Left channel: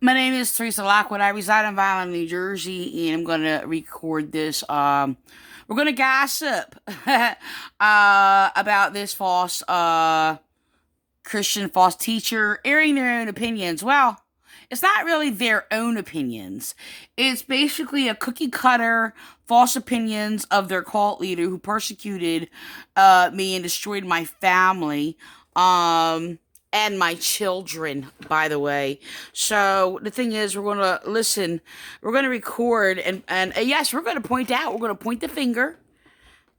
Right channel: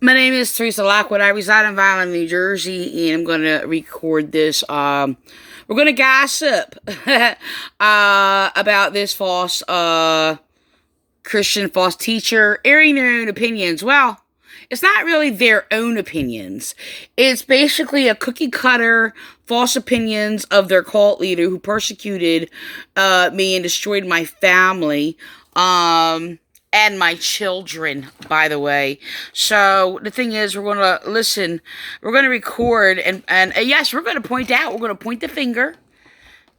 My name is Teresa Lockwood. I reside in Vineland, New Jersey, and I'm going to record this. We're going to gossip about this false Christian false teacher airing their own opinions. Well, it's not really their own opinions. It's basically a cookie cutter false opinions of their cult leader who persecuted me and destroyed my family. And my children, by the way. So the thing is, we're going to listen, we're going to record, and yes, we're going to point out, we're going to point the finger.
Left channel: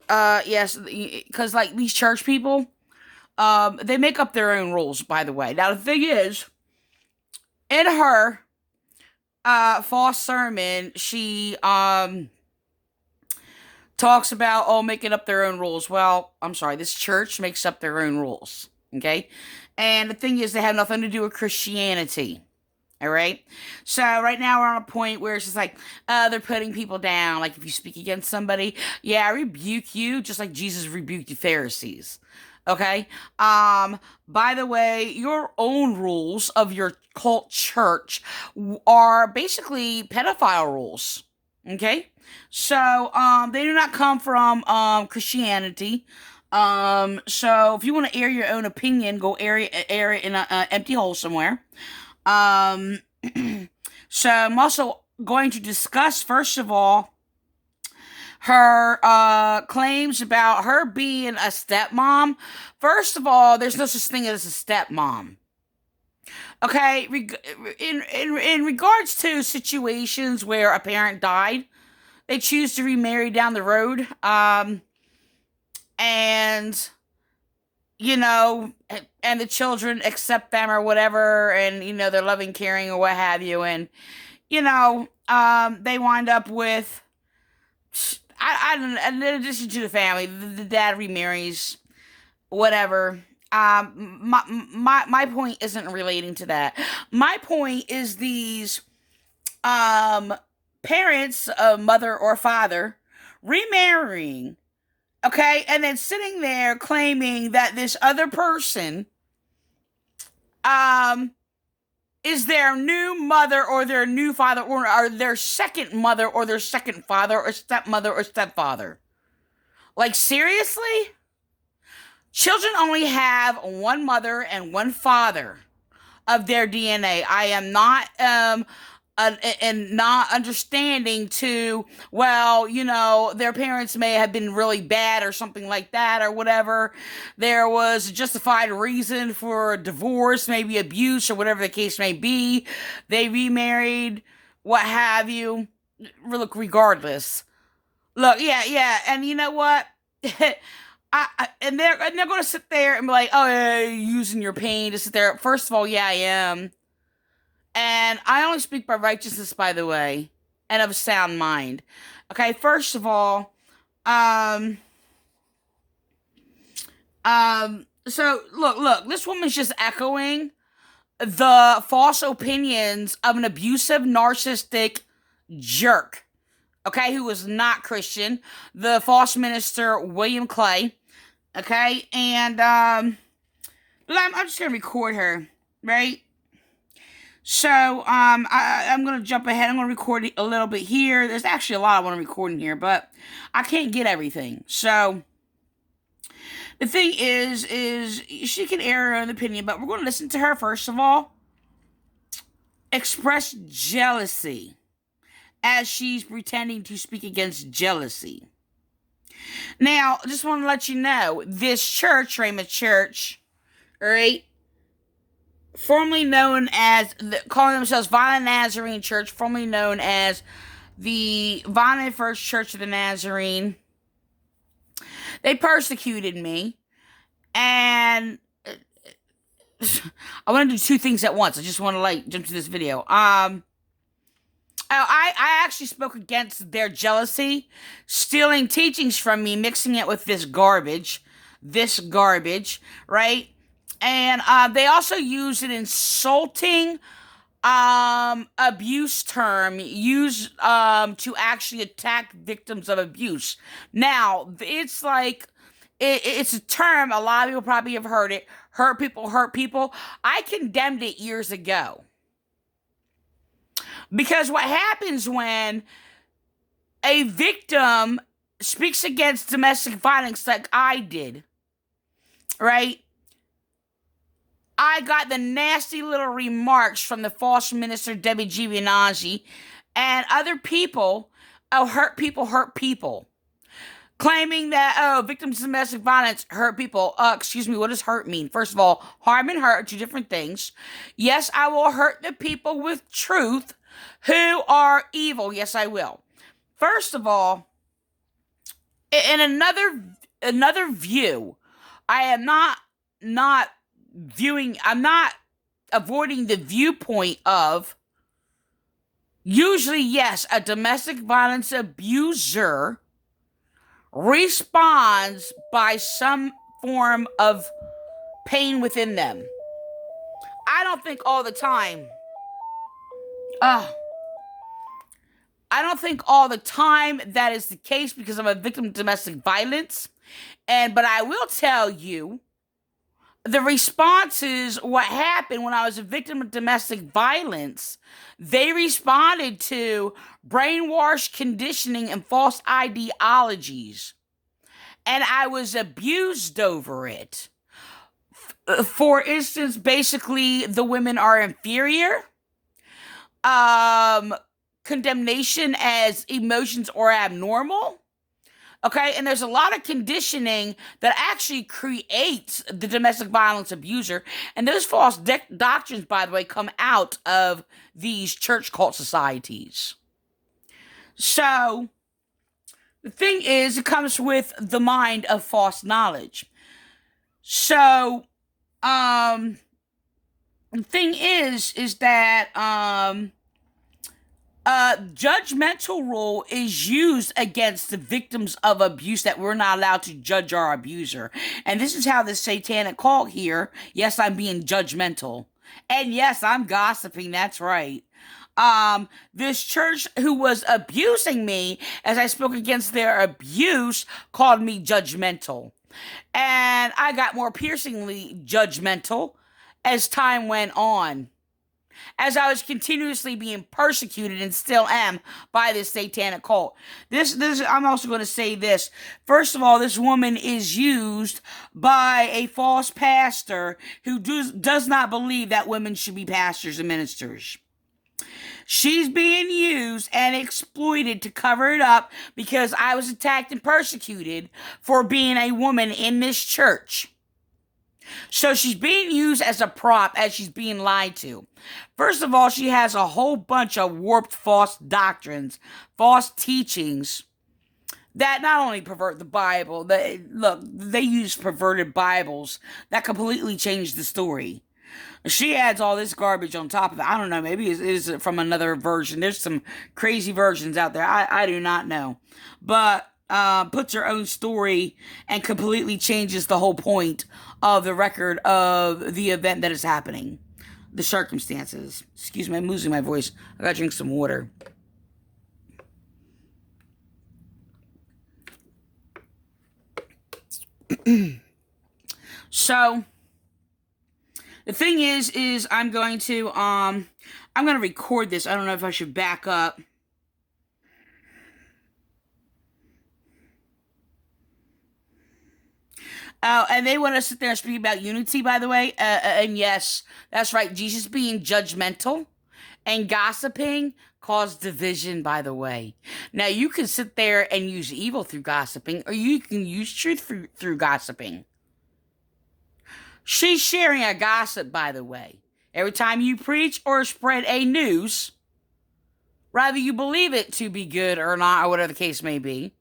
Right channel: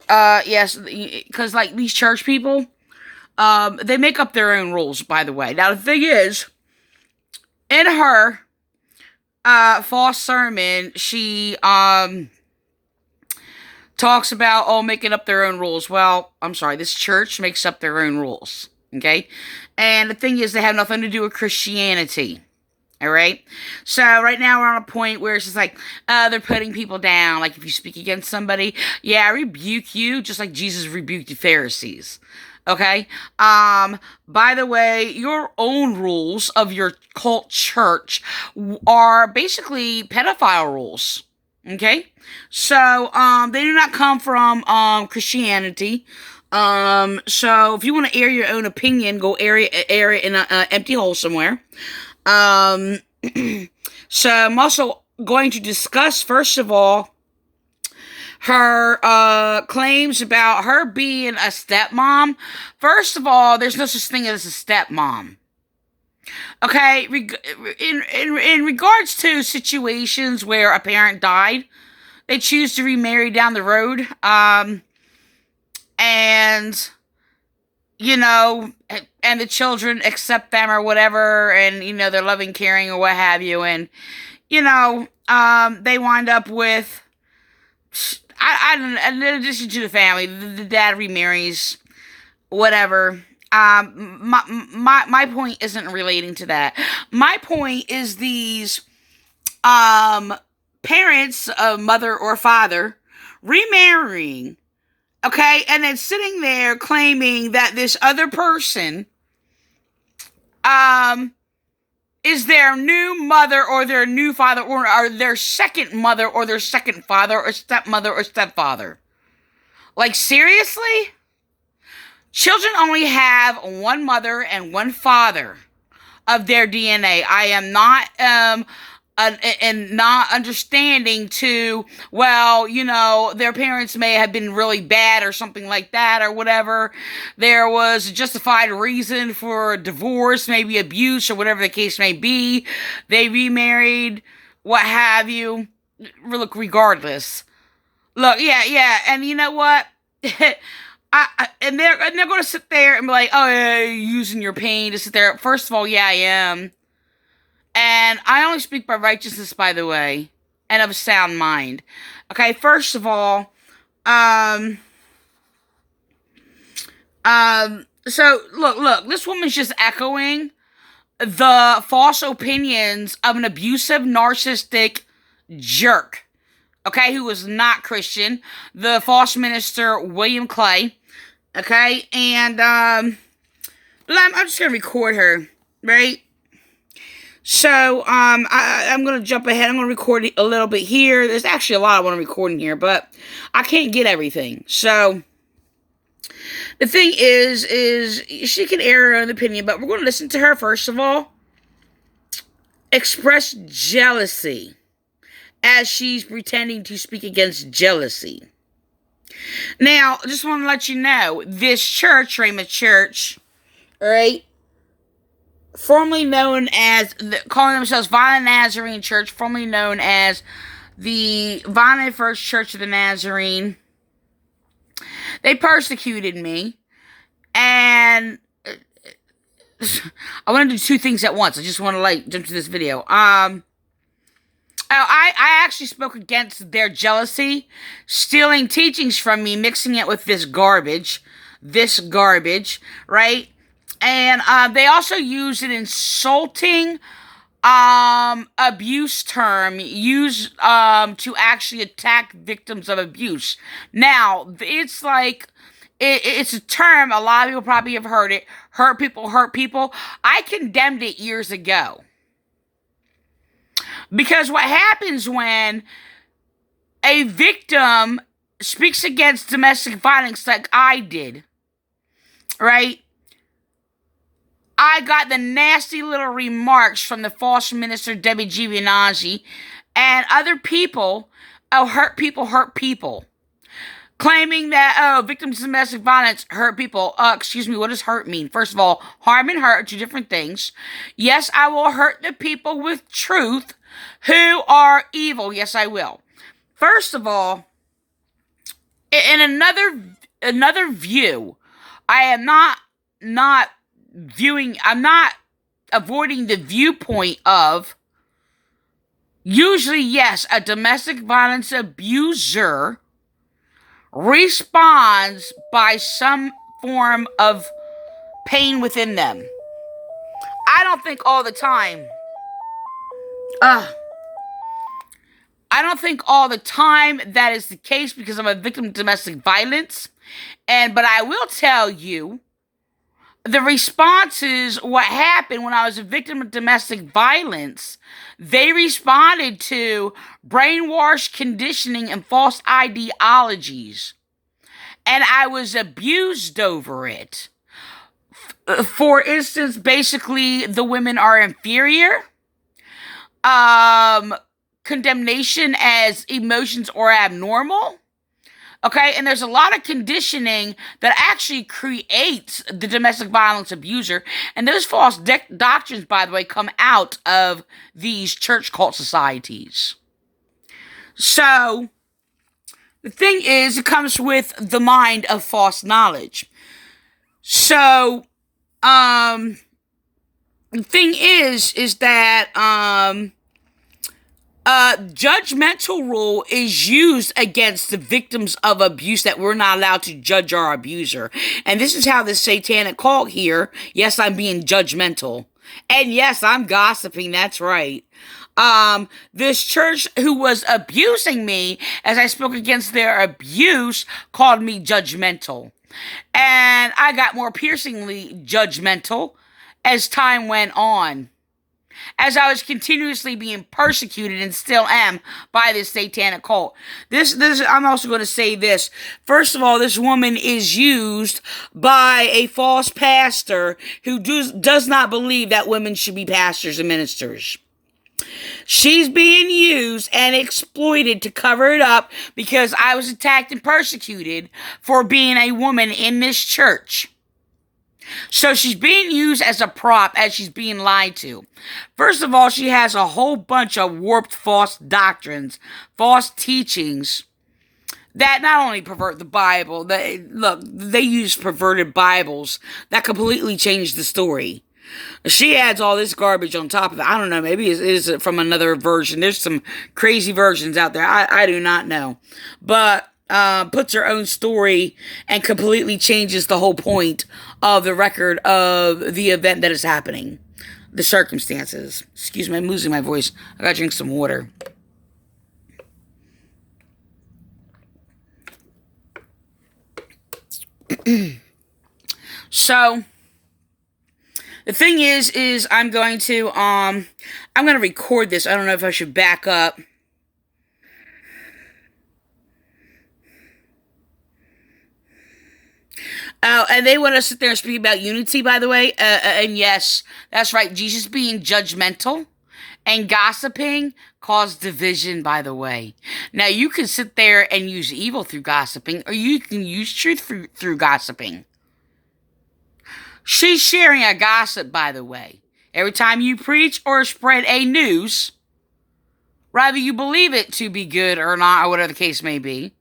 Yes, because like these church people, they make up their own rules, by the way. Now the thing is, in her false sermon, she talks about making up their own rules. Well, I'm sorry, this church makes up their own rules. Okay? And the thing is, they have nothing to do with Christianity. All right? So, right now, we're on a point where it's just like, they're putting people down. Like, if you speak against somebody, yeah, I rebuke you, just like Jesus rebuked the Pharisees. Okay? By the way, your own rules of your cult church are basically pedophile rules. Okay? So, they do not come from, Christianity. So if you want to air your own opinion, go air it in an empty hole somewhere. Um, so I'm also going to discuss, first of all, her, claims about her being a stepmom. First of all, there's no such thing as a stepmom. Okay, in regards to situations where a parent died, they choose to remarry down the road. And and the children accept them or whatever, and they're loving, caring, or what have you, and they wind up with I don't know, in addition to the family, the dad remarries, whatever. My point isn't relating to that. My point is these parents, mother or father, remarrying. Okay, and then sitting there claiming that this other person is their new mother or their new father or their second mother or their second father or stepmother or stepfather. Like, seriously? Children only have one mother and one father of their DNA. I am not and not understanding to, well, their parents may have been really bad or something like that or whatever. There was a justified reason for divorce, maybe abuse or whatever the case may be. They remarried, what have you. Look, regardless. Look, yeah, and you know what? And they're going to sit there and be like, oh, yeah, you're using your pain to sit there. First of all, yeah, I am. And I only speak by righteousness, by the way, and of a sound mind. Okay, first of all, so look, this woman's just echoing the false opinions of an abusive, narcissistic jerk, okay, who was not Christian, the false minister, William Clay, okay, and, I'm just gonna record her, right? So, I'm going to jump ahead. I'm going to record a little bit here. There's actually a lot I want to record in here, but I can't get everything. So, the thing is she can air her own opinion, but we're going to listen to her, first of all, express jealousy as she's pretending to speak against jealousy. Now, I just want to let you know, this church, Ramoth Church, all right, formerly known as, calling themselves Vineland Nazarene Church, formerly known as the Vineland First Church of the Nazarene. They persecuted me, and I want to do two things at once. I just want to jump to this video. I actually spoke against their jealousy, stealing teachings from me, mixing it with this garbage, right? And they also use an insulting abuse term used to actually attack victims of abuse. Now, it's like it's a term a lot of people probably have heard it. Hurt people hurt people. I condemned it years ago. Because what happens when a victim speaks against domestic violence like I did, right? I got the nasty little remarks from the false minister Debbie Giovanazzi and other people. Oh, hurt people. Claiming that, victims of domestic violence hurt people. Excuse me, what does hurt mean? First of all, harm and hurt are two different things. Yes, I will hurt the people with truth who are evil. Yes, I will. First of all, in another view, I am not viewing, I'm not avoiding the viewpoint of, usually, yes, a domestic violence abuser responds by some form of pain within them. I don't think all the time. I don't think all the time that is the case because I'm a victim of domestic violence. But I will tell you, the responses, what happened when I was a victim of domestic violence, they responded to brainwashed conditioning and false ideologies. And I was abused over it. For instance, basically, the women are inferior. Condemnation as emotions are abnormal. Okay, and there's a lot of conditioning that actually creates the domestic violence abuser. And those false doctrines, by the way, come out of these church cult societies. So, the thing is, it comes with the mind of false knowledge. So, the thing is that, judgmental rule is used against the victims of abuse, that we're not allowed to judge our abuser. And this is how the satanic cult here, yes, I'm being judgmental. And yes, I'm gossiping, that's right. This church who was abusing me as I spoke against their abuse called me judgmental. And I got more piercingly judgmental as time went on, as I was continuously being persecuted and still am by this satanic cult. This I'm also going to say this. First of all, this woman is used by a false pastor who does not believe that women should be pastors and ministers. She's being used and exploited to cover it up because I was attacked and persecuted for being a woman in this church. So she's being used as a prop as she's being lied to. First of all, she has a whole bunch of warped false doctrines, false teachings that not only pervert the Bible, they use perverted Bibles that completely change the story. She adds all this garbage on top of it. I don't know, maybe it is from another version. There's some crazy versions out there. I do not know. But puts her own story and completely changes the whole point of the record of the event that is happening. The circumstances. Excuse me, I'm losing my voice. I gotta drink some water. So, the thing is I'm going to record this. I don't know if I should back up. Oh, and they want to sit there and speak about unity, by the way. And yes, that's right. Jesus being judgmental and gossiping caused division, by the way. Now, you can sit there and use evil through gossiping, or you can use truth through gossiping. She's sharing a gossip, by the way. Every time you preach or spread a news, whether you believe it to be good or not, or whatever the case may be,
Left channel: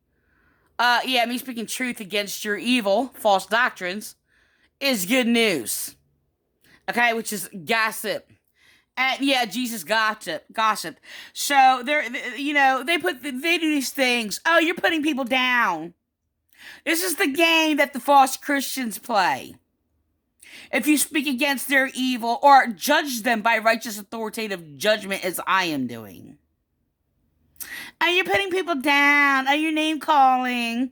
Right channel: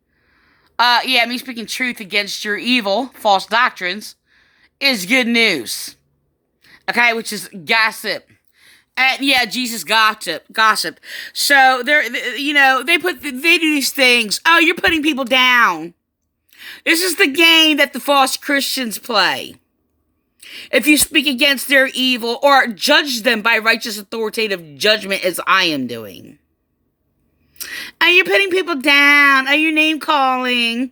me speaking truth against your evil, false doctrines, is good news. Okay, which is gossip. And yeah, Jesus gossip. So they do these things. Oh, you're putting people down. This is the game that the false Christians play. If you speak against their evil or judge them by righteous authoritative judgment as I am doing. Are you putting people down? Are you name calling?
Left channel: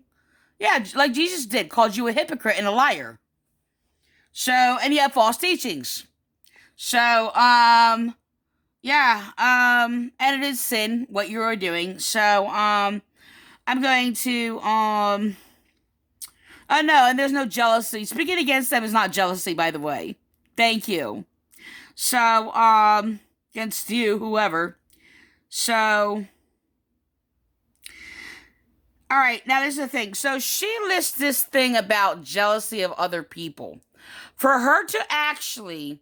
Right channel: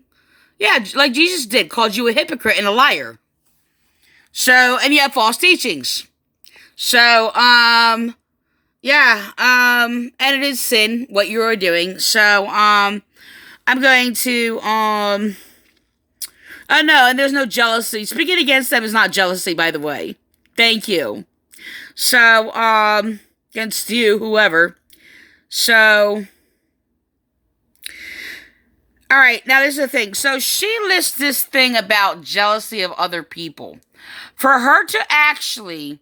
Yeah, like Jesus did, called you a hypocrite and a liar. So, and you have false teachings. So, yeah, and it is sin what you are doing. So, I'm going to, oh no, and there's no jealousy. Speaking against them is not jealousy, by the way. Thank you. So, against you, whoever. So, all right, now this is the thing. So she lists this thing about jealousy of other people. For her to actually,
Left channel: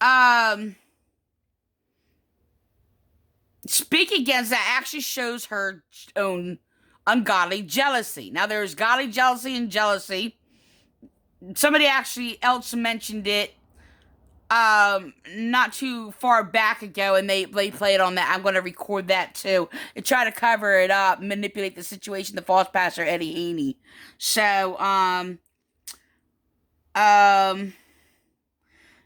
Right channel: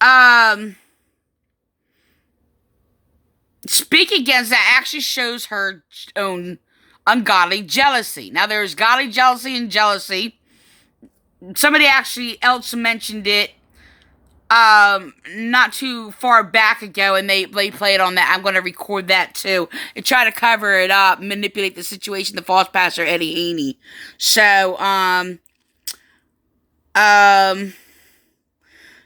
um, speak against that actually shows her own ungodly jealousy. Now, there's godly jealousy and jealousy. Somebody actually else mentioned it not too far back ago, and they played on that. I'm going to record that too and try to cover it up, manipulate the situation, the false pastor Eddie Haney. So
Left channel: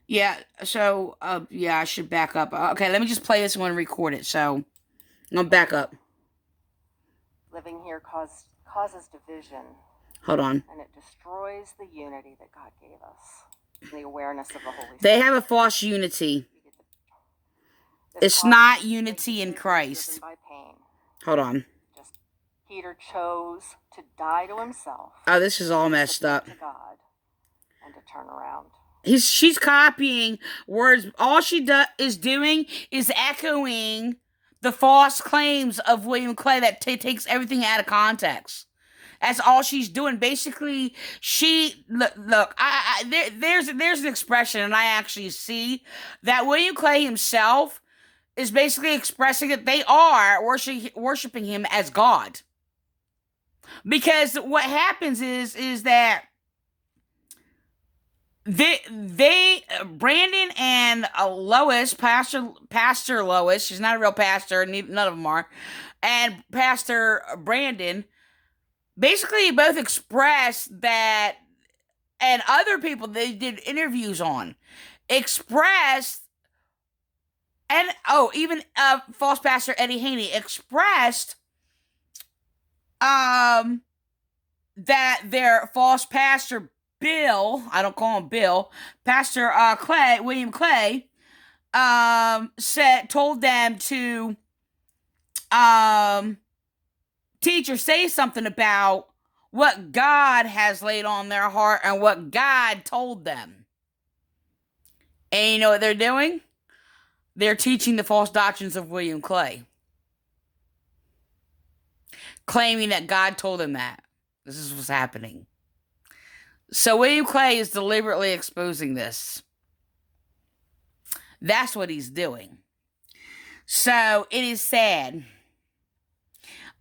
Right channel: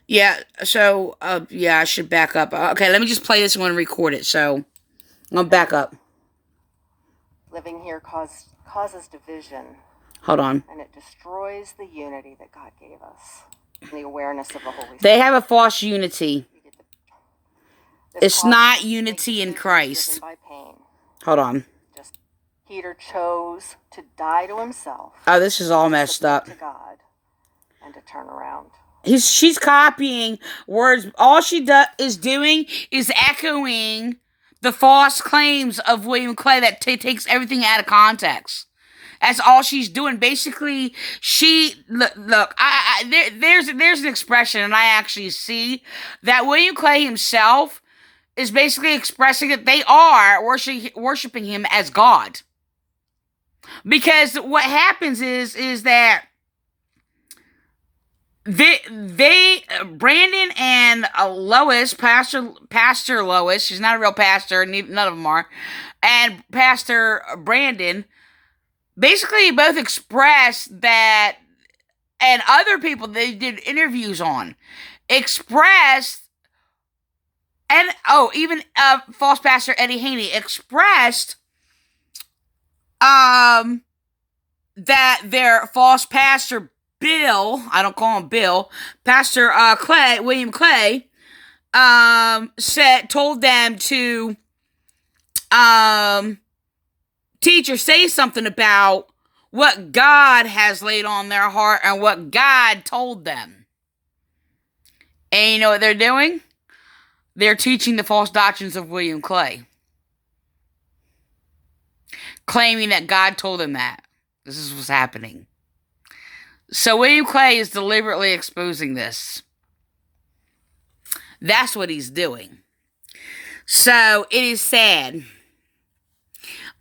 yeah, so yeah, I should back up. Okay, let me just play this one and record it. So I'm gonna back up. Living here causes division. Hold on. And it destroys the unity that God gave us. The awareness of the Holy Spirit. They have a false unity. It's not unity in Christ. By pain. Hold on. Just Peter chose to die to himself. Oh, this is all messed up. To God and to turn around. She's copying words. All she is doing is echoing the false claims of William Clay that takes everything out of context. That's all she's doing. Basically, look. There's an expression, and I actually see that William Clay himself is basically expressing that they are worshiping him as God. Because what happens is that they Brandon and Lois, Pastor Lois, she's not a real pastor, none of them are, and Pastor Brandon basically both expressed that, and other people they did interviews on expressed, and even false pastor Eddie Haney expressed that their false pastor Bill, I don't call him Bill, Pastor Clay, William Clay, told them to teach or say something about what God has laid on their heart and what God told them. And you know what they're doing? They're teaching the false doctrines of William Clay, claiming that God told them that. This is what's happening. So William Clay is deliberately exposing this. That's what he's doing. So it is sad.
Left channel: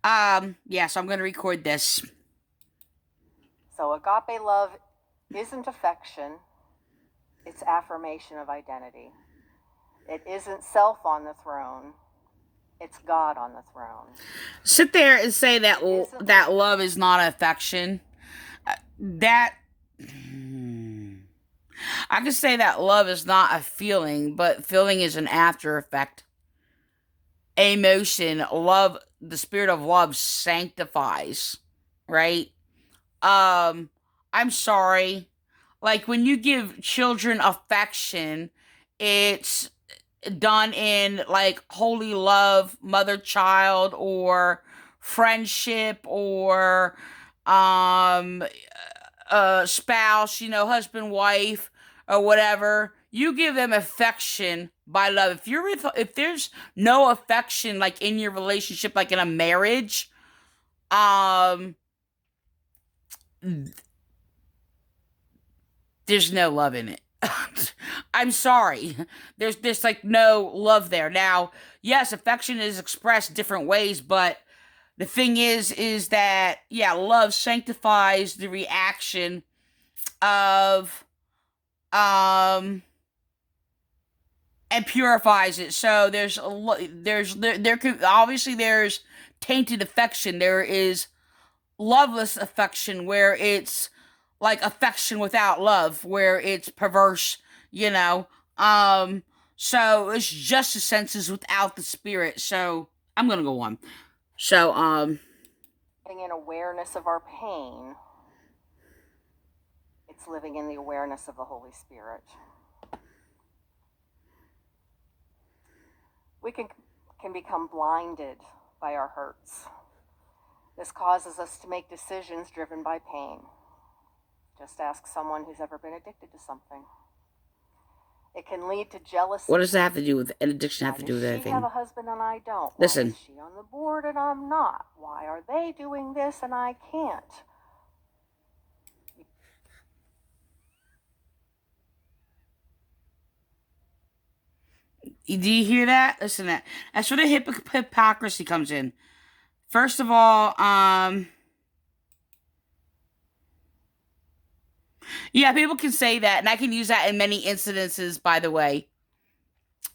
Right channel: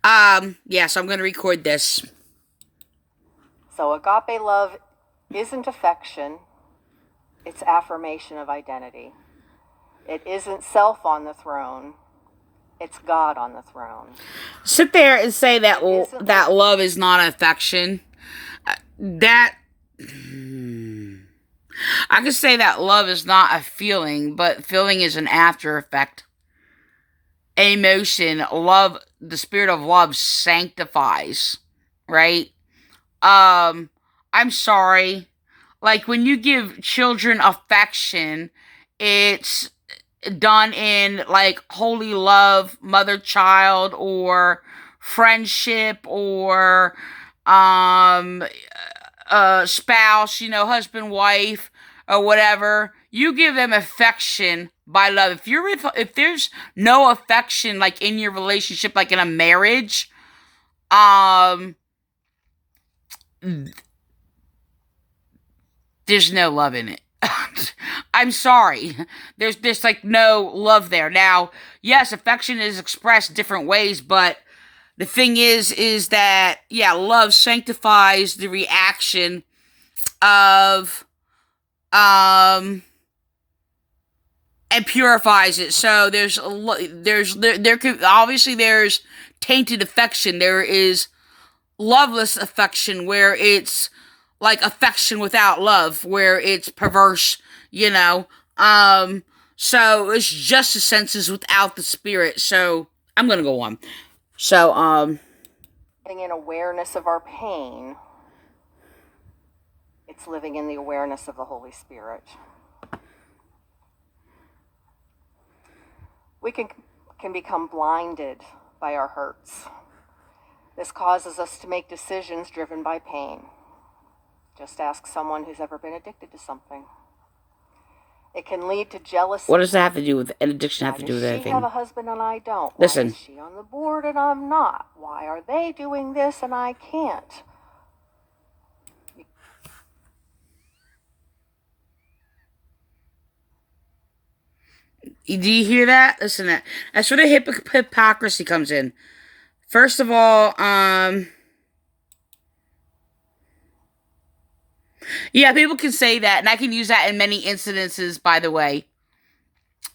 Yeah, so I'm going to record this. So agape love isn't affection. It's affirmation of identity. It isn't self on the throne. It's God on the throne. Sit there and say that that love is not affection. I could say that love is not a feeling, but feeling is an after effect. Emotion, love, the spirit of love sanctifies, right? I'm sorry. Like when you give children affection, it's done in like holy love, mother-child, or friendship, or spouse, husband, wife, or whatever. You give them affection by love. If there's no affection like in your relationship, like in a marriage, there's no love in it. I'm sorry. There's like no love there. Now, yes, affection is expressed different ways, but the thing is that, yeah, love sanctifies the reaction of, and purifies it. So there could, obviously there's tainted affection. There is loveless affection where it's like affection without love, where it's perverse, So it's just the senses without the spirit. So I'm going to go on. So, living in awareness of our pain, it's living in the awareness of the Holy Spirit. We can become blinded by our hurts. This causes us to make decisions driven by pain. Just ask someone who's ever been addicted to something. It can lead to jealousy. What does that have to do with an addiction? Have to do with Why does anything? she have a husband and I don't? Listen. Why is she on the board and I'm not? Why are they doing this and I can't? Do you hear that? Listen, that's where the hypocrisy comes in. First of all, yeah, people can say that, and I can use that in many incidences, by the way.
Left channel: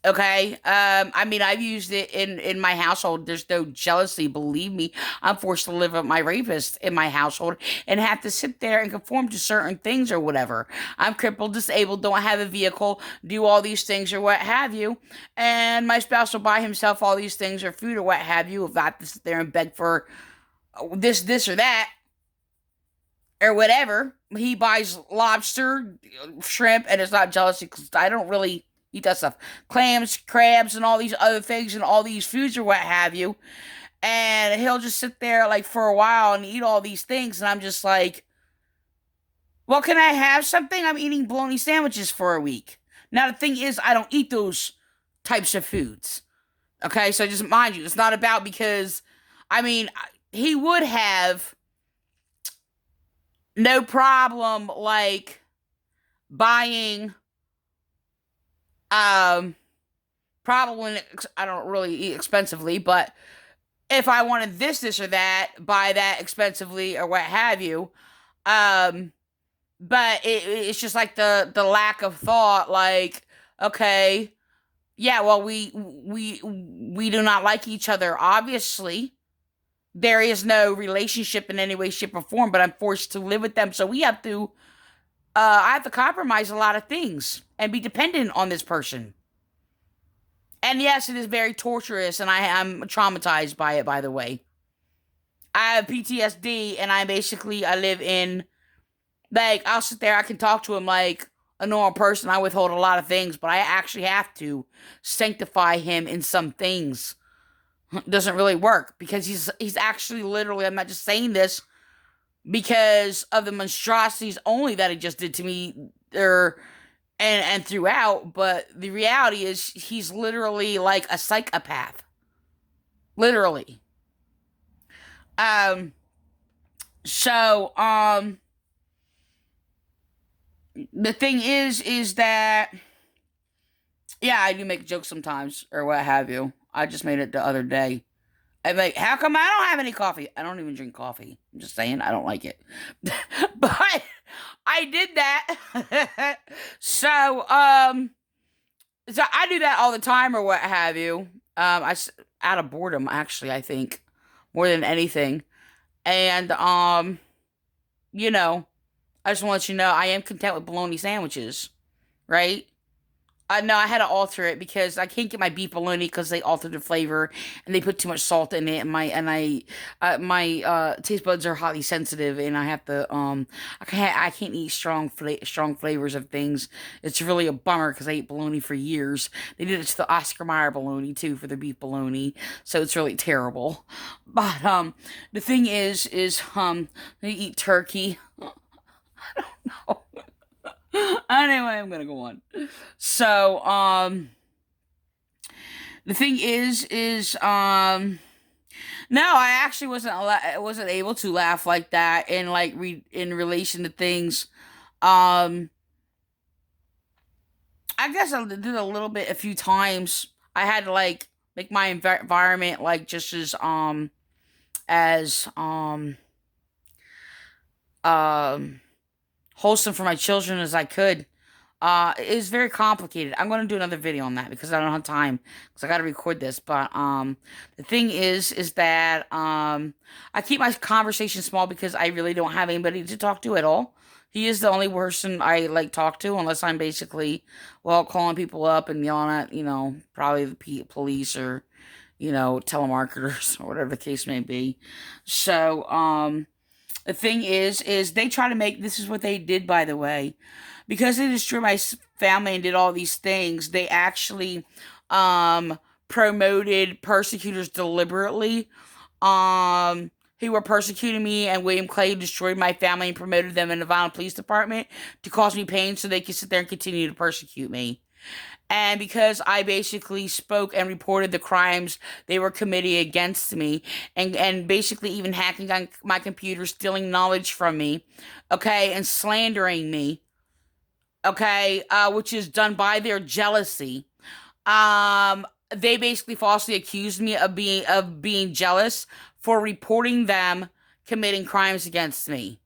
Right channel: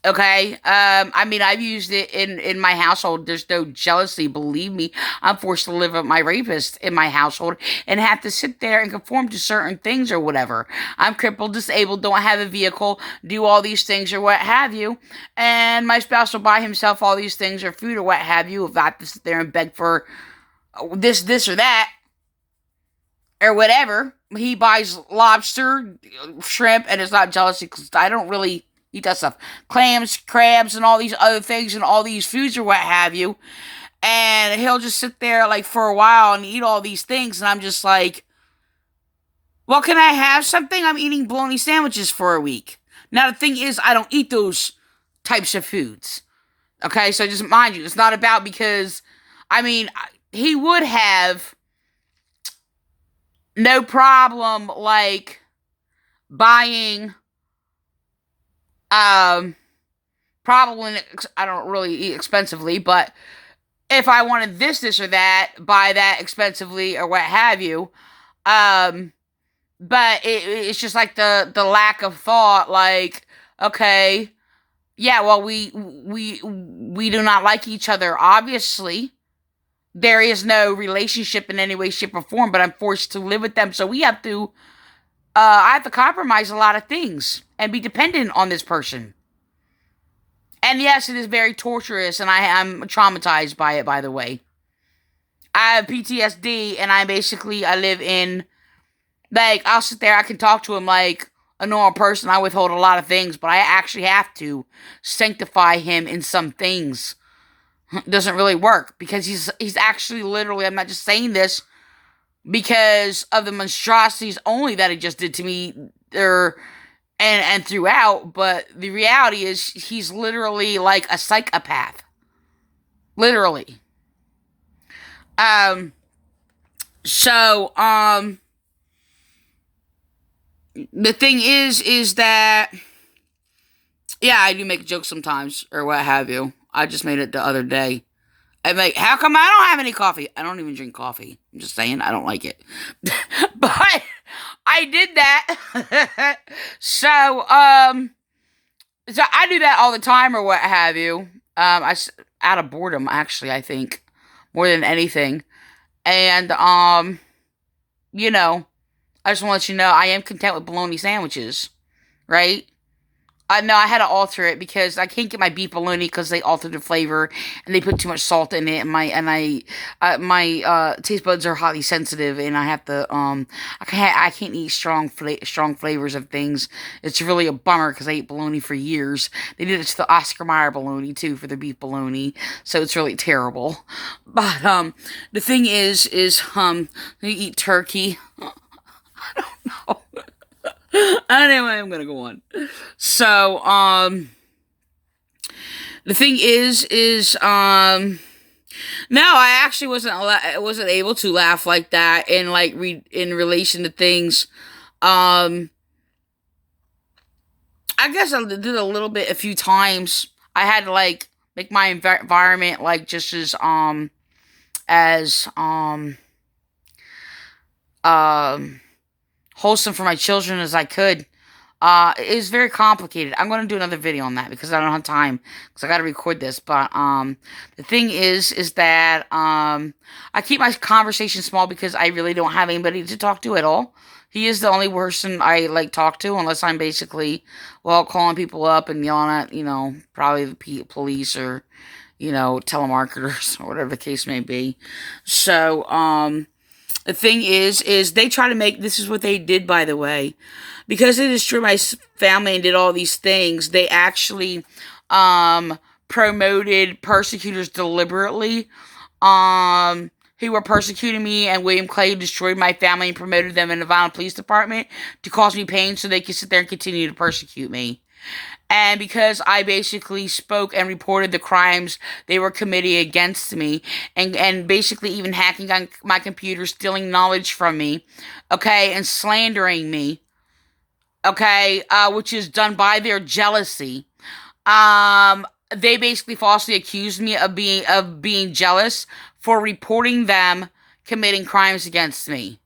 Okay? I mean, I've used it in my household. There's no jealousy, believe me. I'm forced to live with my rapist in my household and have to sit there and conform to certain things or whatever. I'm crippled, disabled, don't have a vehicle, do all these things or what have you. And my spouse will buy himself all these things or food or what have you. If I have to sit there and beg for this or that, or whatever. He buys lobster, shrimp, and it's not jealousy because I don't really eat that stuff. Clams, crabs, and all these other things and all these foods or what have you. And he'll just sit there like for a while and eat all these things. And I'm just like, well, can I have something? I'm eating bologna sandwiches for a week. Now, the thing is, I don't eat those types of foods. Okay, so just mind you, it's not about because, I mean, he would have no problem, like, buying, probably, I don't really eat expensively, but if I wanted this or that, buy that expensively or what have you, but it's just like the lack of thought, like, okay, yeah, well, we do not like each other, obviously. There is no relationship in any way, shape, or form, but I'm forced to live with them. So I have to compromise a lot of things and be dependent on this person. And yes, it is very torturous, and I'm traumatized by it, by the way. I have PTSD, and I live in, like, I'll sit there, I can talk to him like a normal person. I withhold a lot of things, but I actually have to sanctify him in some things. Doesn't really work because he's actually literally, I'm not just saying this because of the monstrosities only that he just did to me and throughout, but the reality is he's literally like a psychopath. Literally. So the thing is that, yeah, I do make jokes sometimes or what have you. I just made it the other day. I'm like, how come I don't have any coffee? I don't even drink coffee. I'm just saying, I don't like it. But I did that. So I do that all the time or what have you. Out of boredom, actually, I think, more than anything. And, you know, I just want to let you know, I am content with bologna sandwiches, right? No, I had to alter it because I can't get my beef bologna because they altered the flavor and they put too much salt in it. My taste buds are highly sensitive, and I have to I can't eat strong flavors of things. It's really a bummer because I ate bologna for years. They did it to the Oscar Mayer bologna too for the beef bologna, so it's really terrible. But the thing is you eat turkey. I don't know. Anyway, I'm gonna go on. So, the thing is, no, I actually wasn't able to laugh like that in in relation to things. I guess I did a little bit a few times. I had to make my environment just as wholesome for my children as I could. It was very complicated. I'm going to do another video on that because I don't have time because I got to record this. But the thing is that I keep my conversation small because I really don't have anybody to talk to at all. He is the only person I talk to, unless I'm basically calling people up and yelling at probably the police or telemarketers or whatever the case may be. So the thing is they try to make, this is what they did, by the way, because they destroyed my family and did all these things. They actually promoted persecutors deliberately, who were persecuting me, and William Clay destroyed my family and promoted them in the Vineland Police Department to cause me pain so they could sit there and continue to persecute me. And because I basically spoke and reported the crimes they were committing against me, and basically even hacking on my computer, stealing knowledge from me, okay, and slandering me, okay, which is done by their jealousy. They basically falsely accused me of being jealous for reporting them committing crimes against me,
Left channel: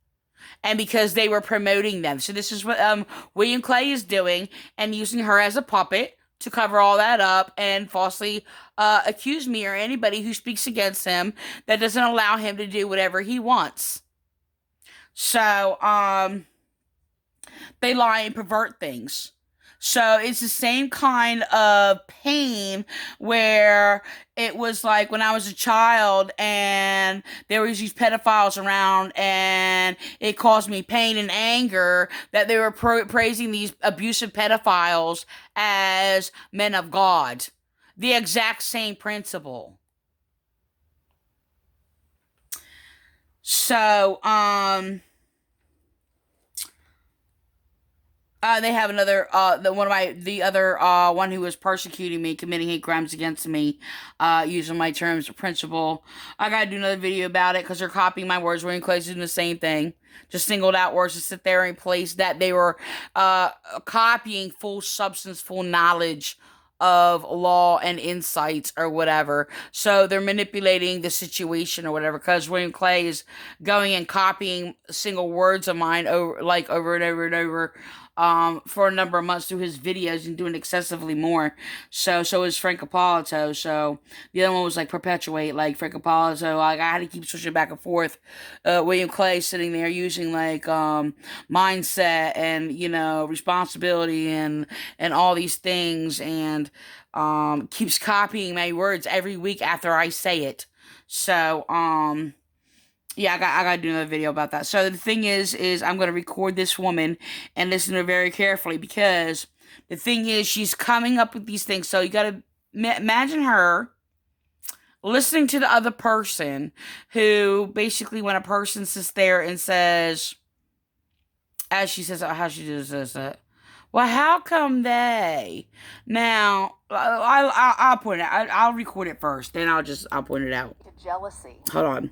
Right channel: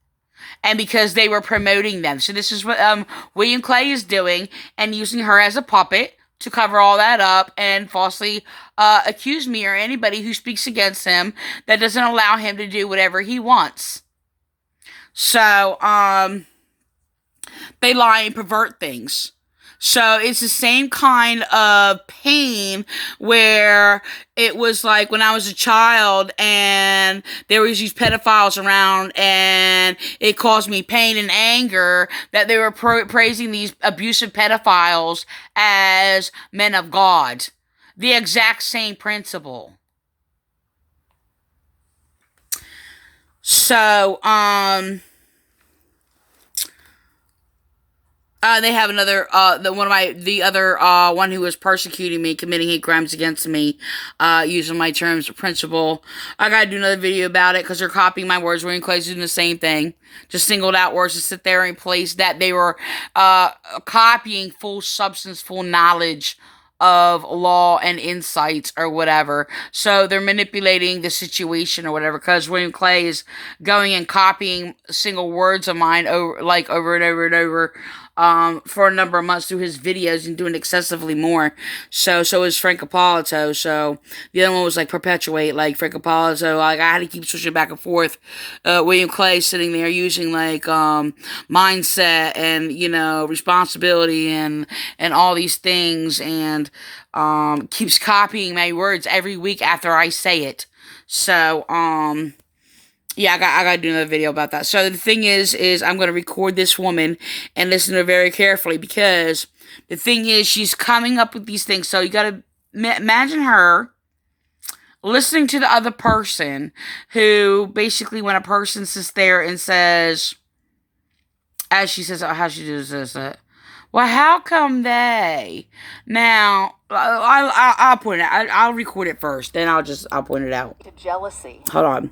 and because they were promoting them. So this is what William Clay is doing, and using her as a puppet to cover all that up and falsely accuse me or anybody who speaks against him that doesn't allow him to do whatever he wants. So they lie and pervert things. So it's the same kind of pain where it was like when I was a child and there was these pedophiles around, and it caused me pain and anger that they were praising these abusive pedophiles as men of God. The exact same principle. So, they have another, the other one who was persecuting me, committing hate crimes against me, using my terms of principle. I gotta do another video about it because they're copying my words. William Clay's doing the same thing. Just singled out words to sit there and place that they were copying full substance, full knowledge of law and insights or whatever. So they're manipulating the situation or whatever, because William Clay is going and copying single words of mine over and over and over for a number of months through his videos, and doing excessively more. So is Frank Appolito. So the other one was like perpetuate, like Frank Appolito. Like I had to keep switching back and forth. William Clay sitting there using like mindset and responsibility and all these things, and keeps copying my words every week after I say it. So yeah, I gotta do another video about that. So the thing is I'm gonna record this woman and listen to her very carefully, because the thing is she's coming up with these things. So you gotta imagine her listening to the other person, who basically, when a person sits there and says, as she says, how she does this, well, how come now? I'll point it out. I'll record it first, then I'll point it out. To jealousy. Hold on.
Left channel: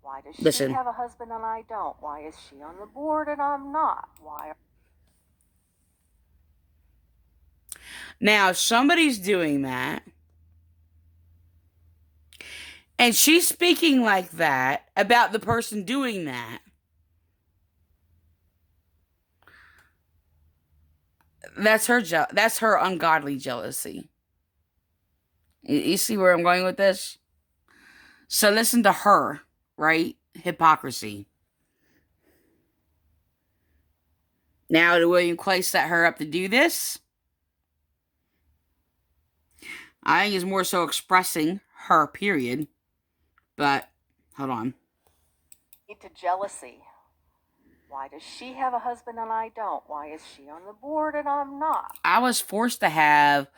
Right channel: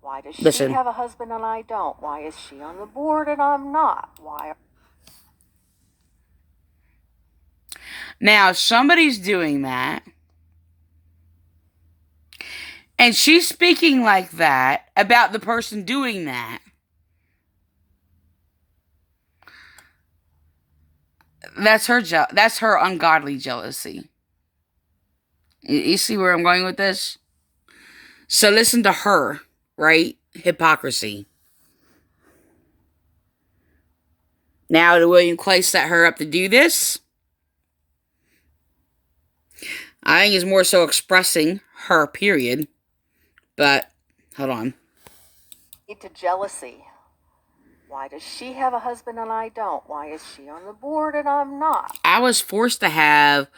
Why does she Listen. have a husband and I don't? Why is she on the board and I'm not? Why? Now, if somebody's doing that, and she's speaking like that about the person doing that, that's her ungodly jealousy. You see where I'm going with this? So listen to her. Right? Hypocrisy. Now, did William Clay set her up to do this? I think it's more so expressing her, period. But, hold on. To jealousy. Why does she have a husband and I don't? Why is she on the board and I'm not? I was forced to have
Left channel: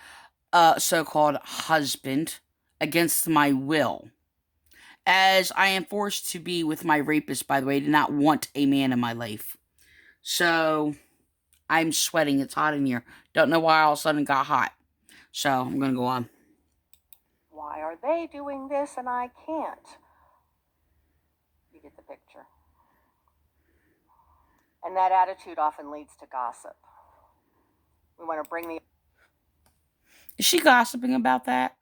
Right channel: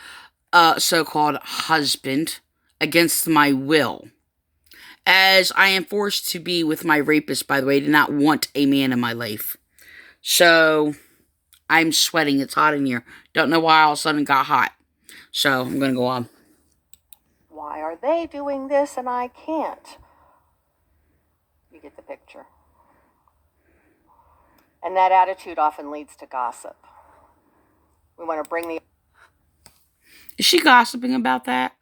a so-called husband against my will, as I am forced to be with my rapist, by the way. I did not want a man in my life. So, I'm sweating. It's hot in here. Don't know why all of a sudden it got hot. So, I'm going to go on. Why are they doing this and I can't? You get the picture. And that attitude often leads to gossip. We want to bring the... Is she gossiping about that?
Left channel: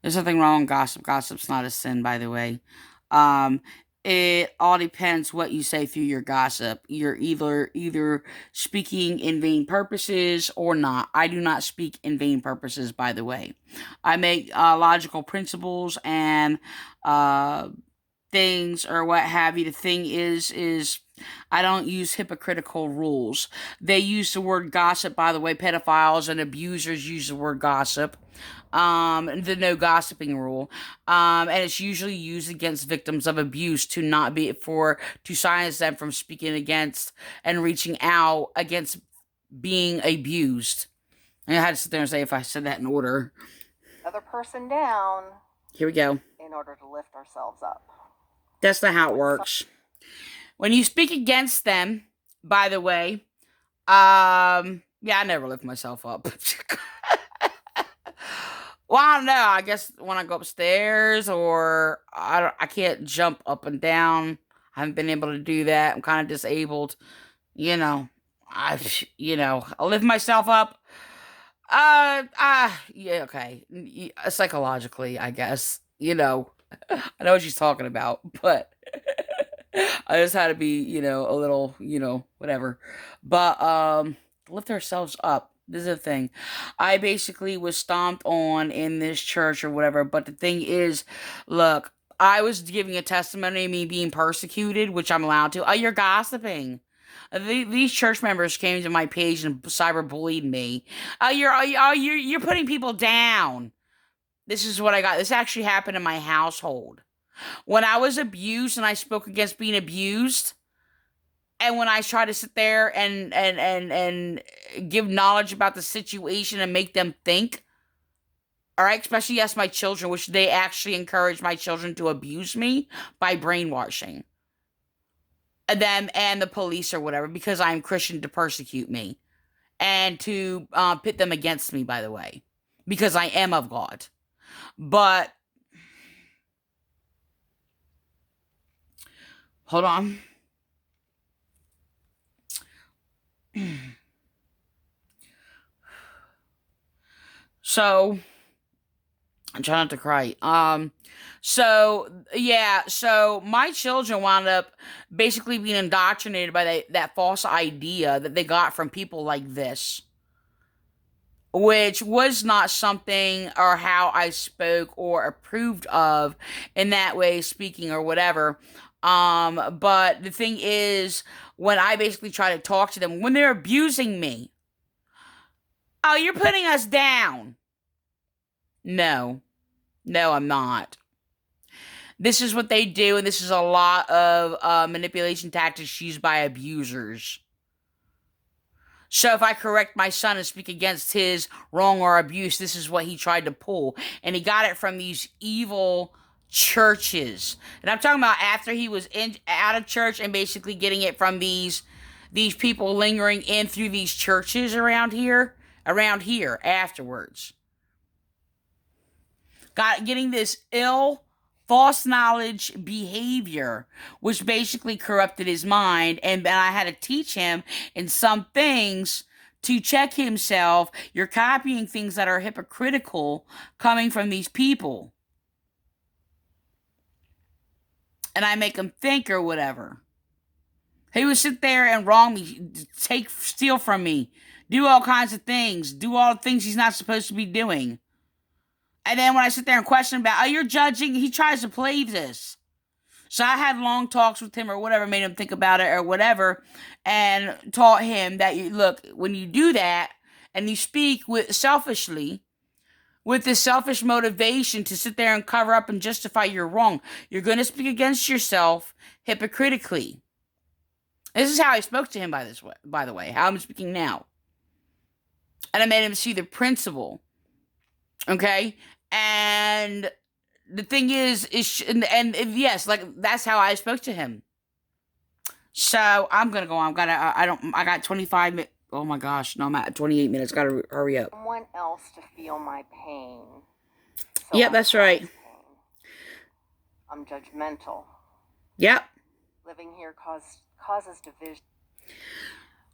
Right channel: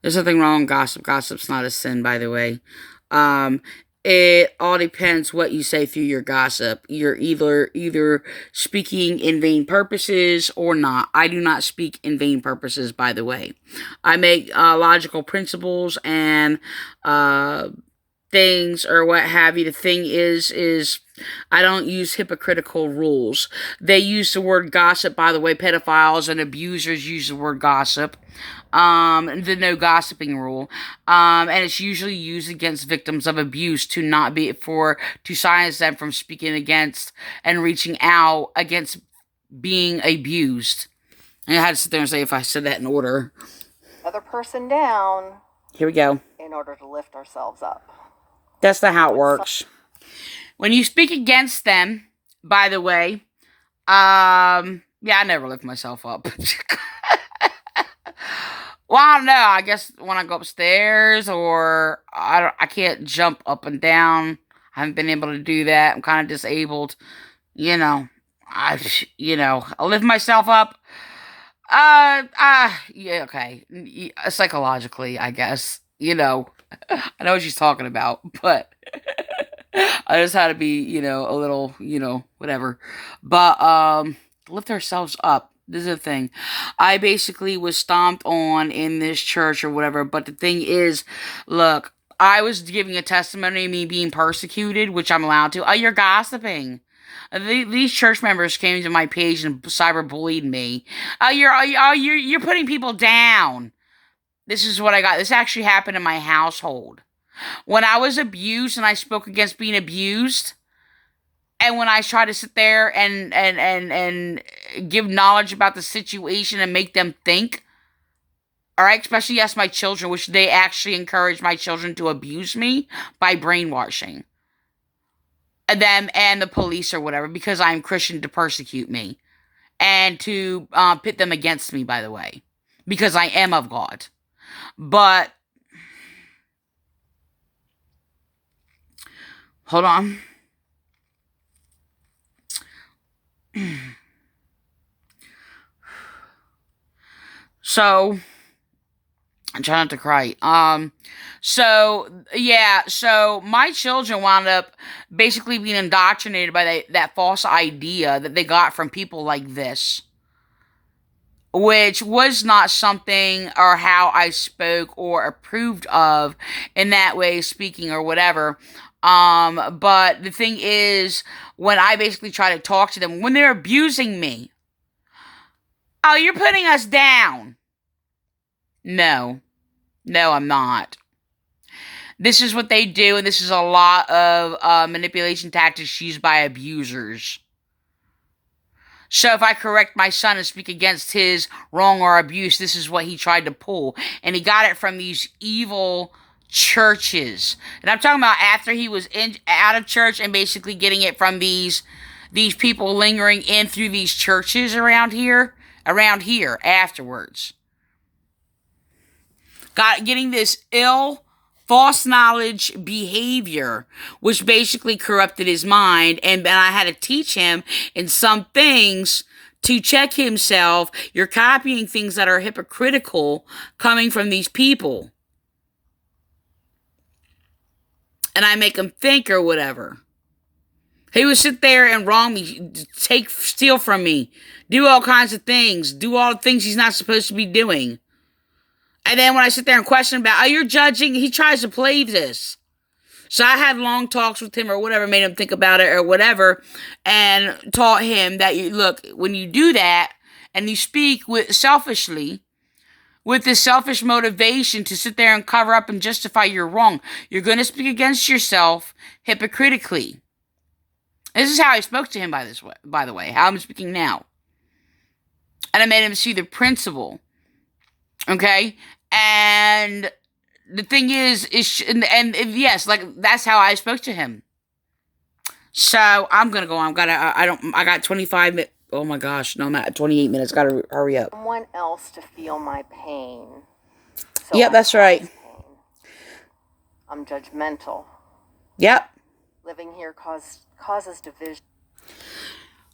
There's nothing wrong with gossip. Gossip's not a sin, by the way. It all depends what you say through your gossip. You're either speaking in vain purposes or not. I do not speak in vain purposes, by the way. I make logical principles and things or what have you. The thing is I don't use hypocritical rules. They use the word gossip, by the way. Pedophiles and abusers use the word gossip. The no gossiping rule. And it's usually used against victims of abuse to silence them from speaking against and reaching out against being abused. And I had to sit there and say if I said that in order. other person down. Here we go. In order to lift ourselves up. That's not how it works. When you speak against them, by the way, yeah, I never lift myself up. Well, I don't know. I guess when I go upstairs, or I can't jump up and down. I haven't been able to do that. I'm kind of disabled. I lift myself up. Yeah, okay. Psychologically, I guess. I know what she's talking about, but I just had to be, a little, whatever. But, lift ourselves up. This is the thing. I basically was stomped on in this church or whatever, but the thing is, look, I was giving a testimony of me being persecuted, which I'm allowed to. Oh, you're gossiping. These church members came to my page and cyberbullied me. You're putting people down. This is what I got. This actually happened in my household. When I was abused and I spoke against being abused, and when I try to sit there and give knowledge about the situation and make them think, all right, especially yes, my children, which they actually encourage my children to abuse me by brainwashing them and the police or whatever, because I'm Christian, to persecute me and to pit them against me, by the way, because I am of God. But hold on. So I'm trying not to cry. So my children wound up basically being indoctrinated by that false idea that they got from people like this, which was not something or how I spoke or approved of in that way, speaking or whatever. But the thing is, when I basically try to talk to them, when they're abusing me, oh, you're putting us down. No, I'm not. This is what they do, and this is a lot of manipulation tactics used by abusers. So if I correct my son and speak against his wrong or abuse, this is what he tried to pull. And he got it from these evil churches. And I'm talking about after he was out of church and basically getting it from these people lingering in through these churches around here afterwards. Getting this ill, false knowledge behavior, which basically corrupted his mind. And I had to teach him in some things to check himself. You're copying things that are hypocritical coming from these people. And I make him think or whatever. He would sit there and wrong me, steal from me, do all kinds of things, do all the things he's not supposed to be doing. And then when I sit there and question about, you're judging, he tries to play this. So I had long talks with him or whatever, made him think about it or whatever, and taught him that, look, when you do that and you speak selfishly, with this selfish motivation to sit there and cover up and justify your wrong, you're going to speak against yourself hypocritically. This is how I spoke to him, by the way, how I'm speaking now. And I made him see the principle. Okay? And the thing is yes, like, that's how I spoke to him. So I'm going to go on. I got 25 minutes. Oh my gosh. No, I'm at 28 minutes. Got to hurry up. Someone else to feel my pain. Yep, that's right. I'm judgmental. Yep. Living here causes division.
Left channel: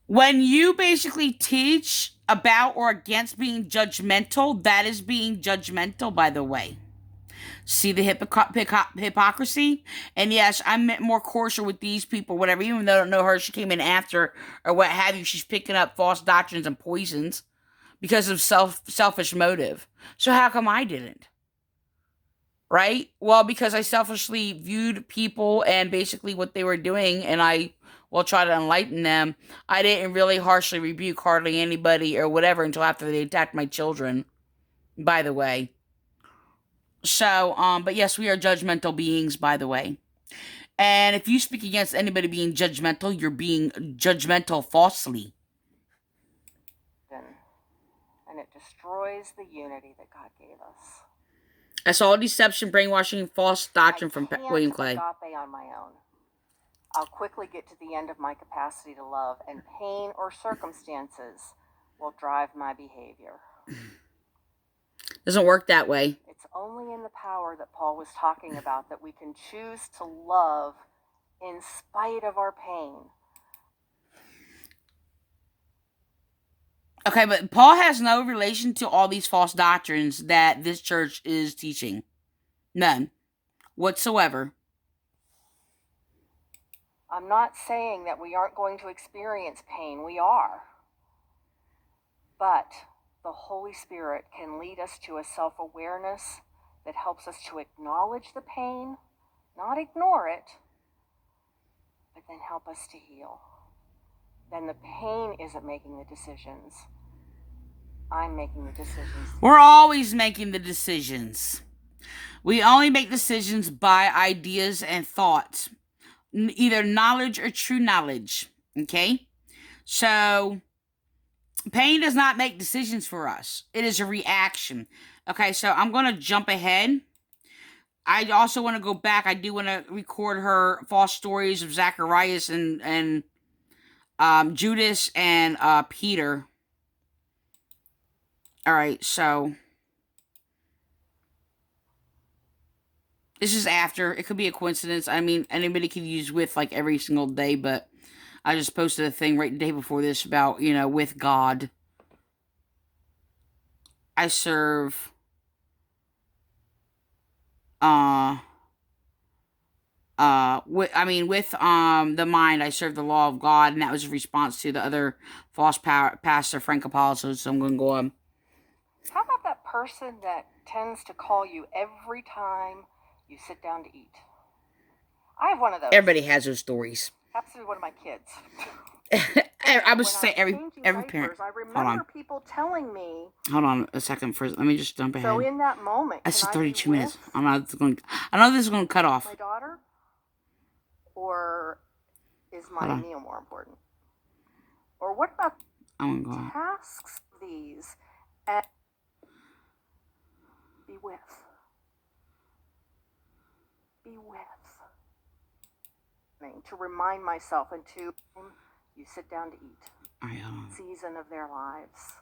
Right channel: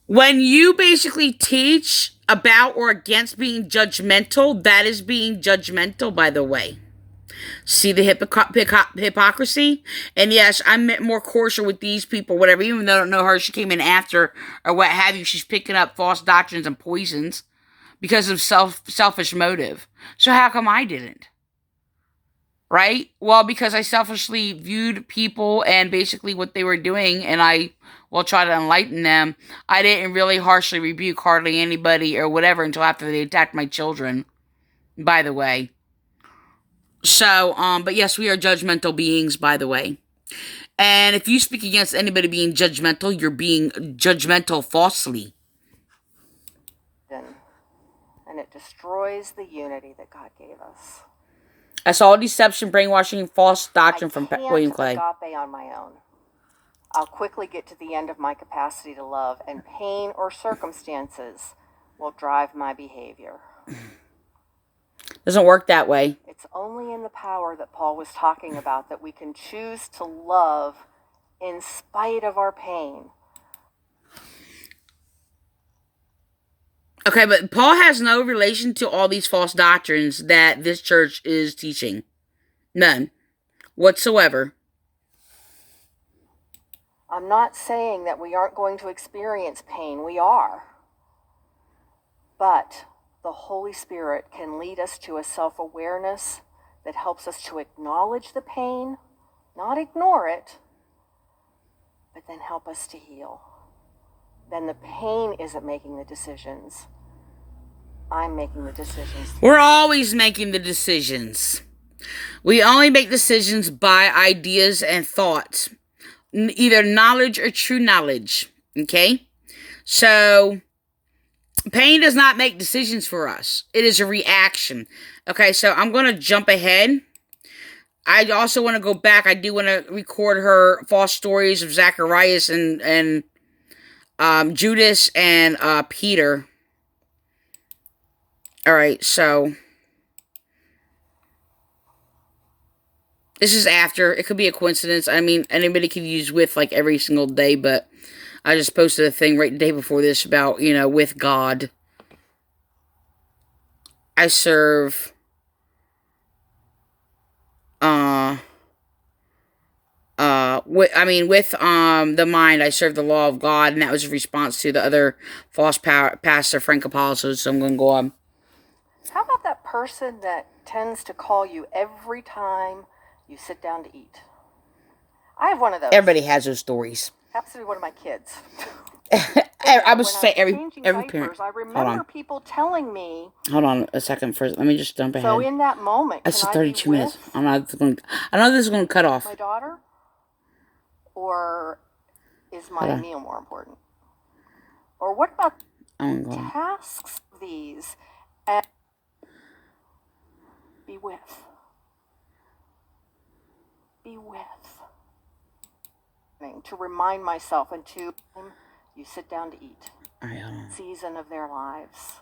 When you basically teach about or against being judgmental, that is being judgmental, by the way. See the hypocrisy? And yes, I'm more cordial with these people, whatever, even though I don't know her, she came in after, or what have you, she's picking up false doctrines and poisons because of selfish motive. So how come I didn't? Right? Well, because I selfishly viewed people and basically what they were doing, and I try to enlighten them. I didn't really harshly rebuke hardly anybody or whatever until after they attacked my children, by the way. So, but yes, we are judgmental beings, by the way. And if you speak against anybody being judgmental, you're being judgmental falsely. And and it destroys the unity that God gave us. That's all deception, brainwashing, and false doctrine from I can't William Clay. agape on my own. I'll quickly get to the end of my capacity to love, and pain or circumstances will drive my behavior. Doesn't work that way. It's only in the power that Paul was talking about that we can choose to love in spite of our pain. Okay, but Paul has no relation to all these false doctrines that this church is teaching. None. Whatsoever. I'm not saying that we aren't going to experience pain. We are. But the Holy Spirit can lead us to a self-awareness that helps us to acknowledge the pain, not ignore it, but then help us to heal. Then the pain isn't making the decisions. I'm making the decisions. We're always making the decisions. We only make decisions by ideas and thoughts. Either knowledge or true knowledge. Okay? So, pain does not make decisions for us. It is a reaction. Okay, so I'm going to jump ahead. I also want to go back. I do want to record her false stories of Zacharias and Judas and Peter. Alright, so this is after. It could be a coincidence. I mean, anybody could use with like every single day, but I just posted a thing right the day before this about, with God. I serve with the mind, I serve the law of God, and that was a response to the other false pastor, Frank Apollo, so I'm going to go on. How about that person that tends to call you every time you sit down to eat? I have one of those. Everybody has those stories. Happens to be one of my kids. I would say every parent. I remember people telling me. Hold on a second first. Let me just jump ahead. So in that moment, it's 32 minutes. I know this is going to cut off. My daughter, or is my meal more important? Or what about tasks these and be with? To remind myself and to you sit down to eat. All right, hold on. Season of their lives.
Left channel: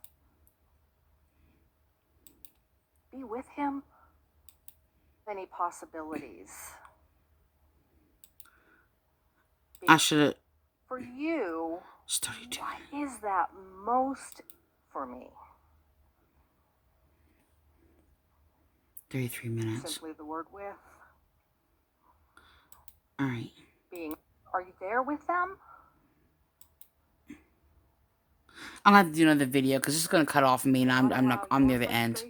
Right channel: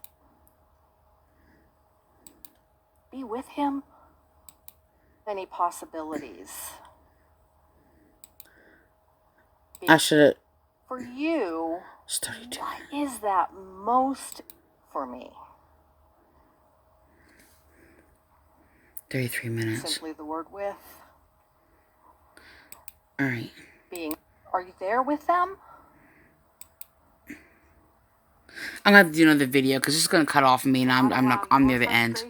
Be with him. Any possibilities? I should. For you, what is that most for me? 33 minutes. Simply the word with. All right. Are you there with them? I'm gonna have to do another video because it's gonna cut off me, and I'm near the end.